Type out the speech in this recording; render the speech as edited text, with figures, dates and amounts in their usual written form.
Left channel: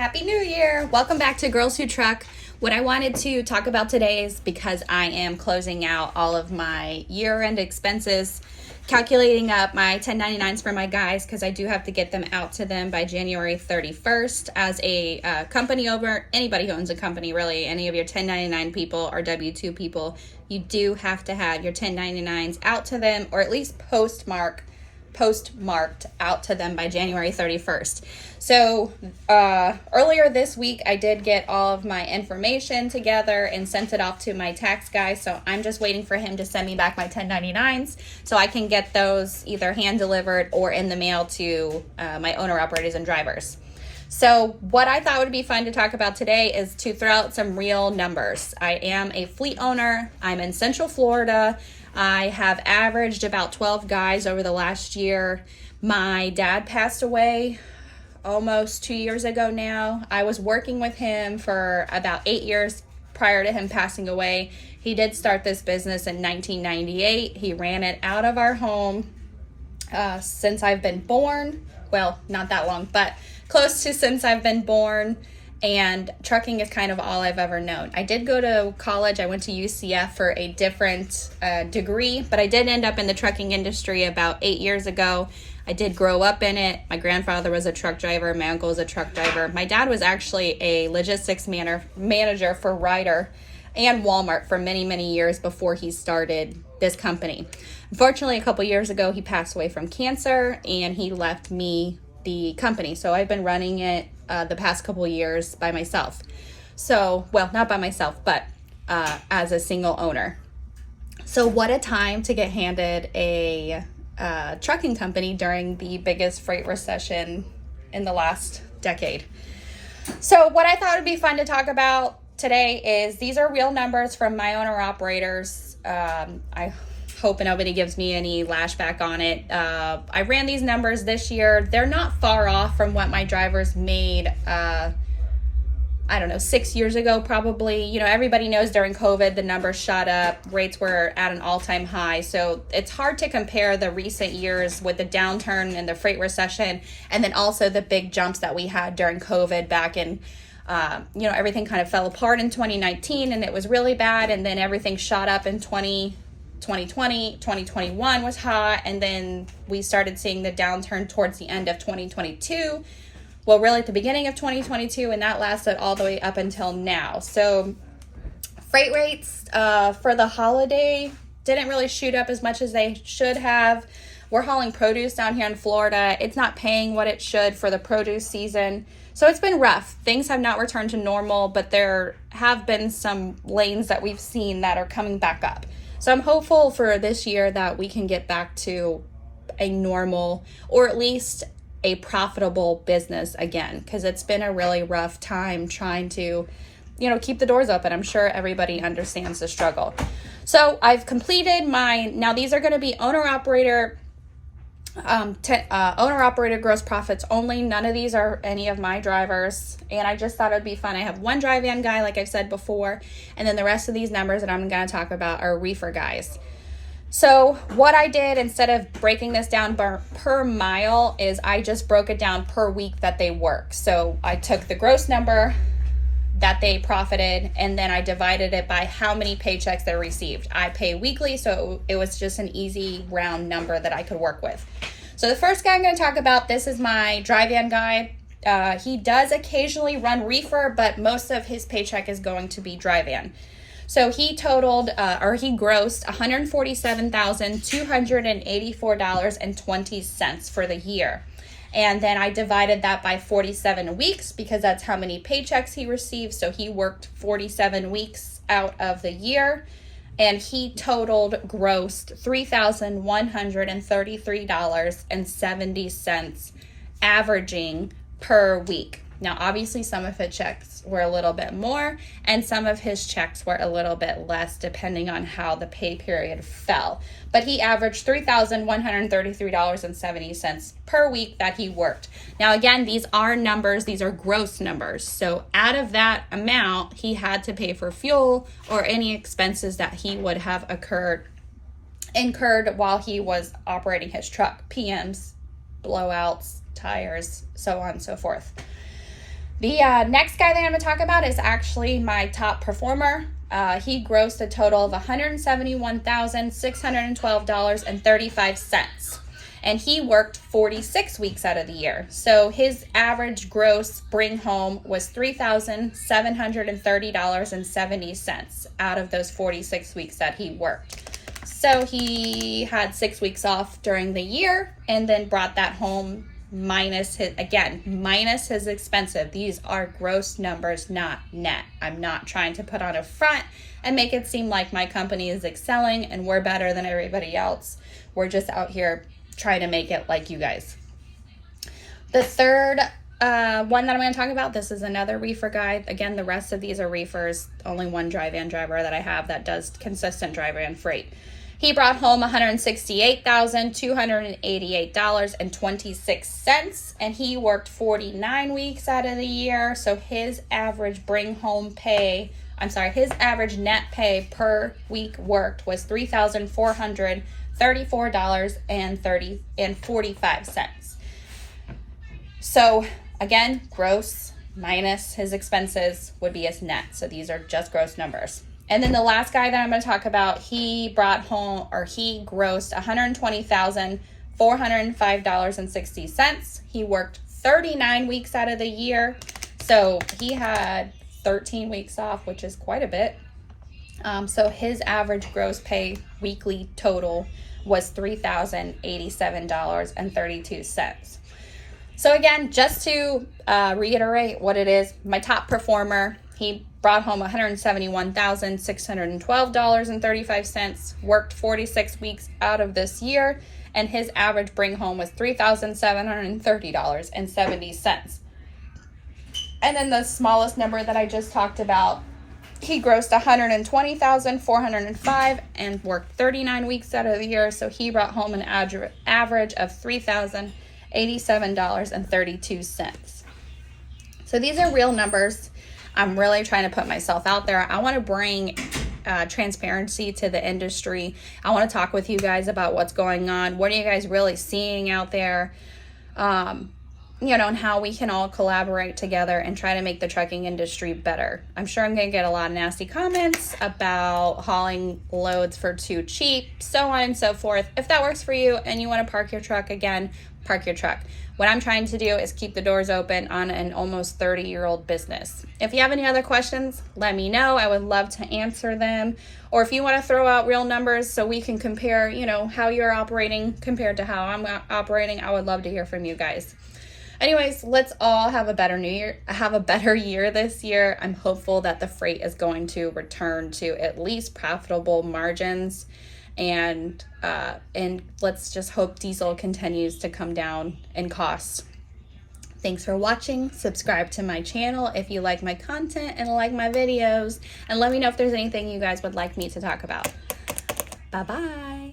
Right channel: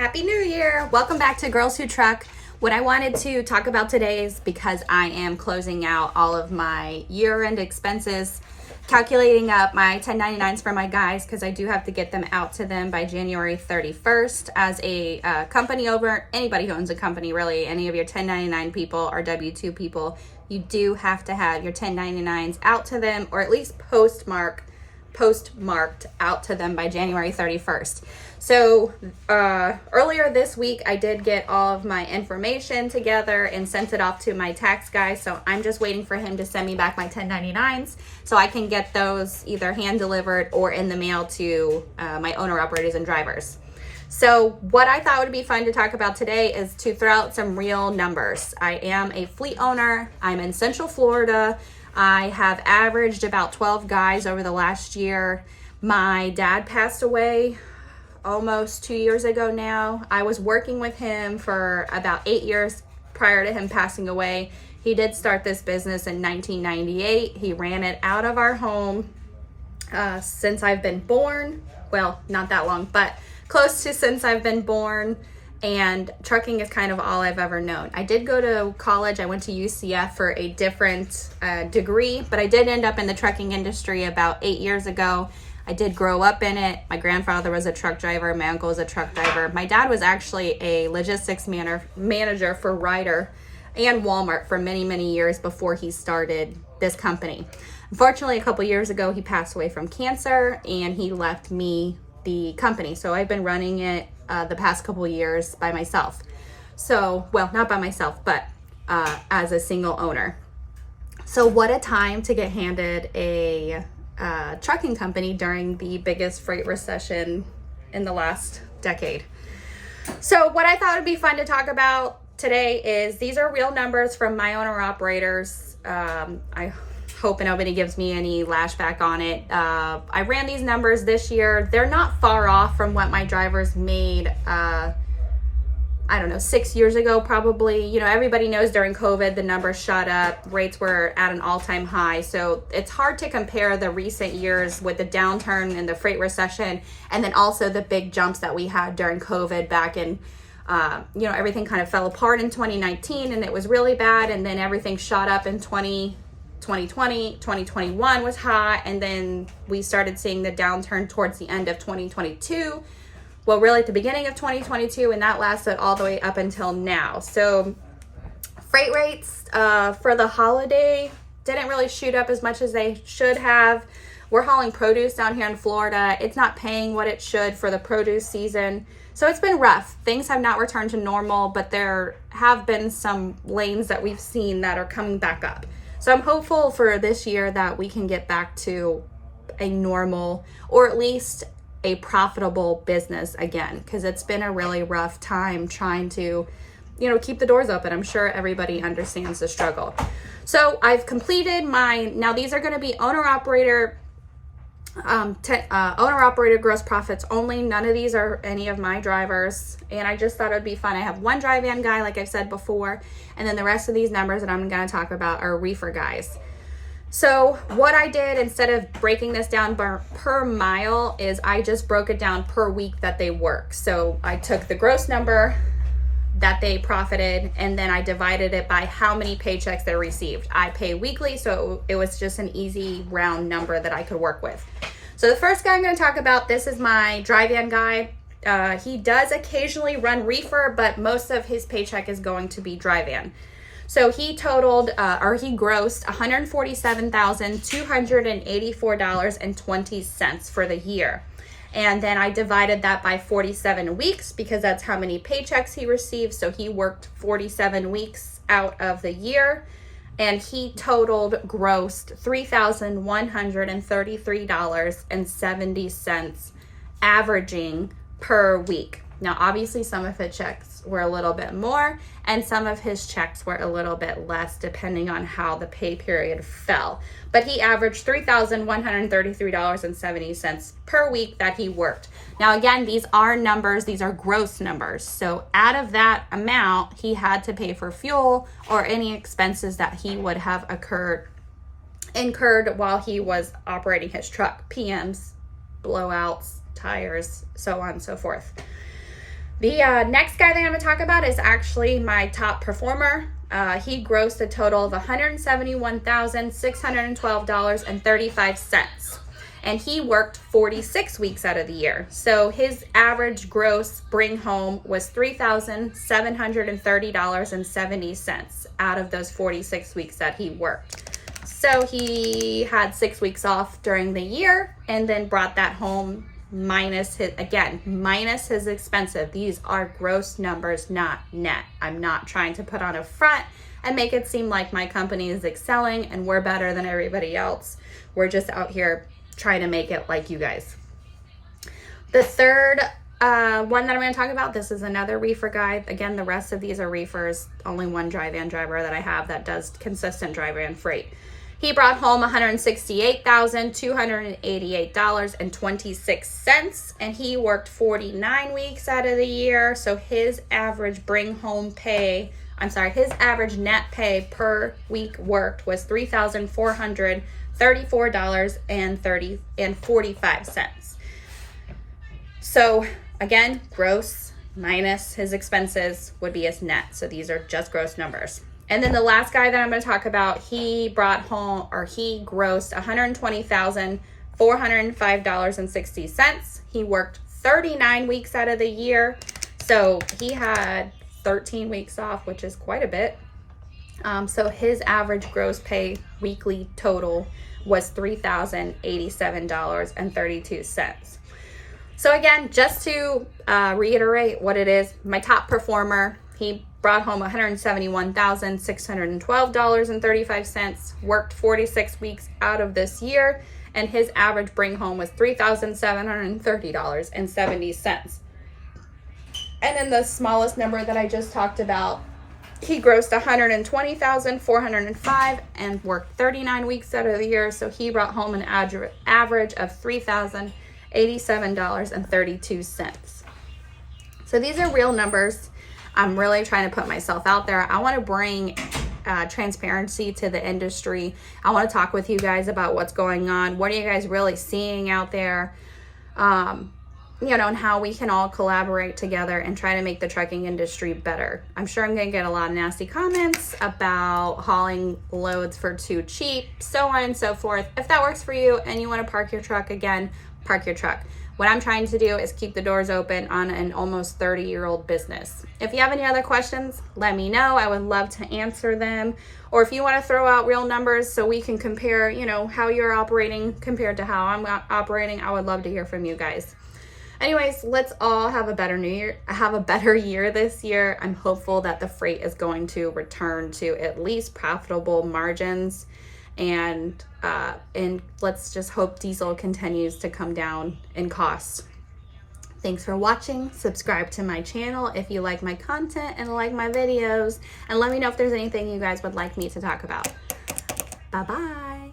Happy New Year! Welcome back to Girls Who Truck. What I wanted to talk about today is because I am closing out all of my year-end expenses, calculating up my 1099s for my guys because I do have to get them out to them by January 31st. As a company owner, anybody who owns a company, really, any of your 1099 people or W-2 people, you do have to have your 1099s out to them, or at least postmarked out to them by January 31st. So earlier this week, I did get all of my information together and sent it off to my tax guy. So I'm just waiting for him to send me back my 1099s so I can get those either hand delivered or in the mail to my owner operators and drivers. So what I thought would be fun to talk about today is to throw out some real numbers. I am a fleet owner. I'm in Central Florida. I have averaged about 12 guys over the last year. My dad passed away almost 2 years ago now. I was working with him for about 8 years prior to him passing away. He did start this business in 1998. He ran it out of our home since I've been born. Well, not that long, but close to since I've been born. And trucking is kind of all I've ever known. I did go to college. I went to UCF for a different degree, but I did end up in the trucking industry about 8 years ago. I did grow up in it. My grandfather was a truck driver. My uncle was a truck driver. My dad was actually a logistics manager for Ryder and Walmart for many, many years before he started this company. Unfortunately, a couple years ago, he passed away from cancer and he left me the company. So I've been running it the past couple years by myself. So, well, not by myself, but as a single owner. So what a time to get handed a trucking company during the biggest freight recession in the last decade. So what I thought would be fun to talk about today is these are real numbers from my owner operators. I hope nobody gives me any lashback on it. I ran these numbers this year. They're not far off from what my drivers made, 6 years ago probably. You know, everybody knows during COVID, the numbers shot up. Rates were at an all-time high. So it's hard to compare the recent years with the downturn and the freight recession, and then also the big jumps that we had during COVID back in, everything kind of fell apart in 2019 and it was really bad. And then everything shot up in 2020, 2021 was hot, and then we started seeing the downturn towards the end of 2022. Well, really at the beginning of 2022, and that lasted all the way up until now. So freight rates for the holiday didn't really shoot up as much as they should have. We're hauling produce down here in Florida. It's not paying what it should for the produce season. So it's been rough. Things have not returned to normal, but there have been some lanes that we've seen that are coming back up. So I'm hopeful for this year that we can get back to a normal, or at least a profitable business again, because it's been a really rough time trying to, keep the doors open. I'm sure everybody understands the struggle. So I've completed now these are going to be owner-operator gross profits only. None of these are any of my drivers, and I just thought it would be fun. I have one dry van guy, like I've said before, and then the rest of these numbers that I'm going to talk about are reefer guys. So what I did, instead of breaking this down per mile, is I just broke it down per week that they work. So I took the gross number that they profited, and then I divided it by how many paychecks they received. I pay weekly, so it was just an easy round number that I could work with. So the first guy I'm going to talk about, this is my dry van guy. He does occasionally run reefer, but most of his paycheck is going to be dry van. So he grossed $147,284.20 for the year. And then I divided that by 47 weeks because that's how many paychecks he received. So he worked 47 weeks out of the year, and he grossed $3,133.70 averaging per week. Now, obviously, some of his checks were a little bit more, and some of his checks were a little bit less, depending on how the pay period fell. But he averaged $3,133.70 per week that he worked. Now, again, these are numbers. These are gross numbers. So out of that amount, he had to pay for fuel or any expenses that he would have incurred while he was operating his truck, PMs, blowouts, tires, so on and so forth. The next guy that I'm going to talk about is actually my top performer. He grossed a total of $171,612.35. And he worked 46 weeks out of the year. So his average gross bring home was $3,730.70 out of those 46 weeks that he worked. So he had 6 weeks off during the year and then brought that home minus his expensive. These are gross numbers, not net. I'm not trying to put on a front and make it seem like my company is excelling and we're better than everybody else. We're just out here trying to make it like you guys. The third one that I'm going to talk about, this is another reefer guy. Again, the rest of these are reefers. Only one dry van driver that I have that does consistent dry van freight. He brought home $168,288.26, and he worked 49 weeks out of the year. So his average his average net pay per week worked was $3,434.45. So again, gross minus his expenses would be his net. So these are just gross numbers. And then the last guy that I'm going to talk about, he grossed $120,405.60. He worked 39 weeks out of the year. So he had 13 weeks off, which is quite a bit. So his average gross pay weekly total was $3,087.32. So again, just to reiterate what it is, my top performer, he brought home $171,612.35, worked 46 weeks out of this year, and his average bring home was $3,730.70. And then the smallest number that I just talked about, he grossed $120,405 and worked 39 weeks out of the year, so he brought home an average of $3,087.32. So these are real numbers. I'm really trying to put myself out there. I want to bring transparency to the industry. I want to talk with you guys about what's going on. What are you guys really seeing out there? And how we can all collaborate together and try to make the trucking industry better. I'm sure I'm going to get a lot of nasty comments about hauling loads for too cheap, so on and so forth. If that works for you and you want to park your truck, again, park your truck. What I'm trying to do is keep the doors open on an almost 30-year-old business. If you have any other questions, let me know. I would love to answer them. Or if you want to throw out real numbers so we can compare, how you're operating compared to how I'm operating, I would love to hear from you guys. Anyways, let's all have a better year this year. I'm hopeful that the freight is going to return to at least profitable margins. And let's just hope diesel continues to come down in cost. Thanks for watching. Subscribe to my channel if you like my content and like my videos. And let me know if there's anything you guys would like me to talk about. Bye-bye.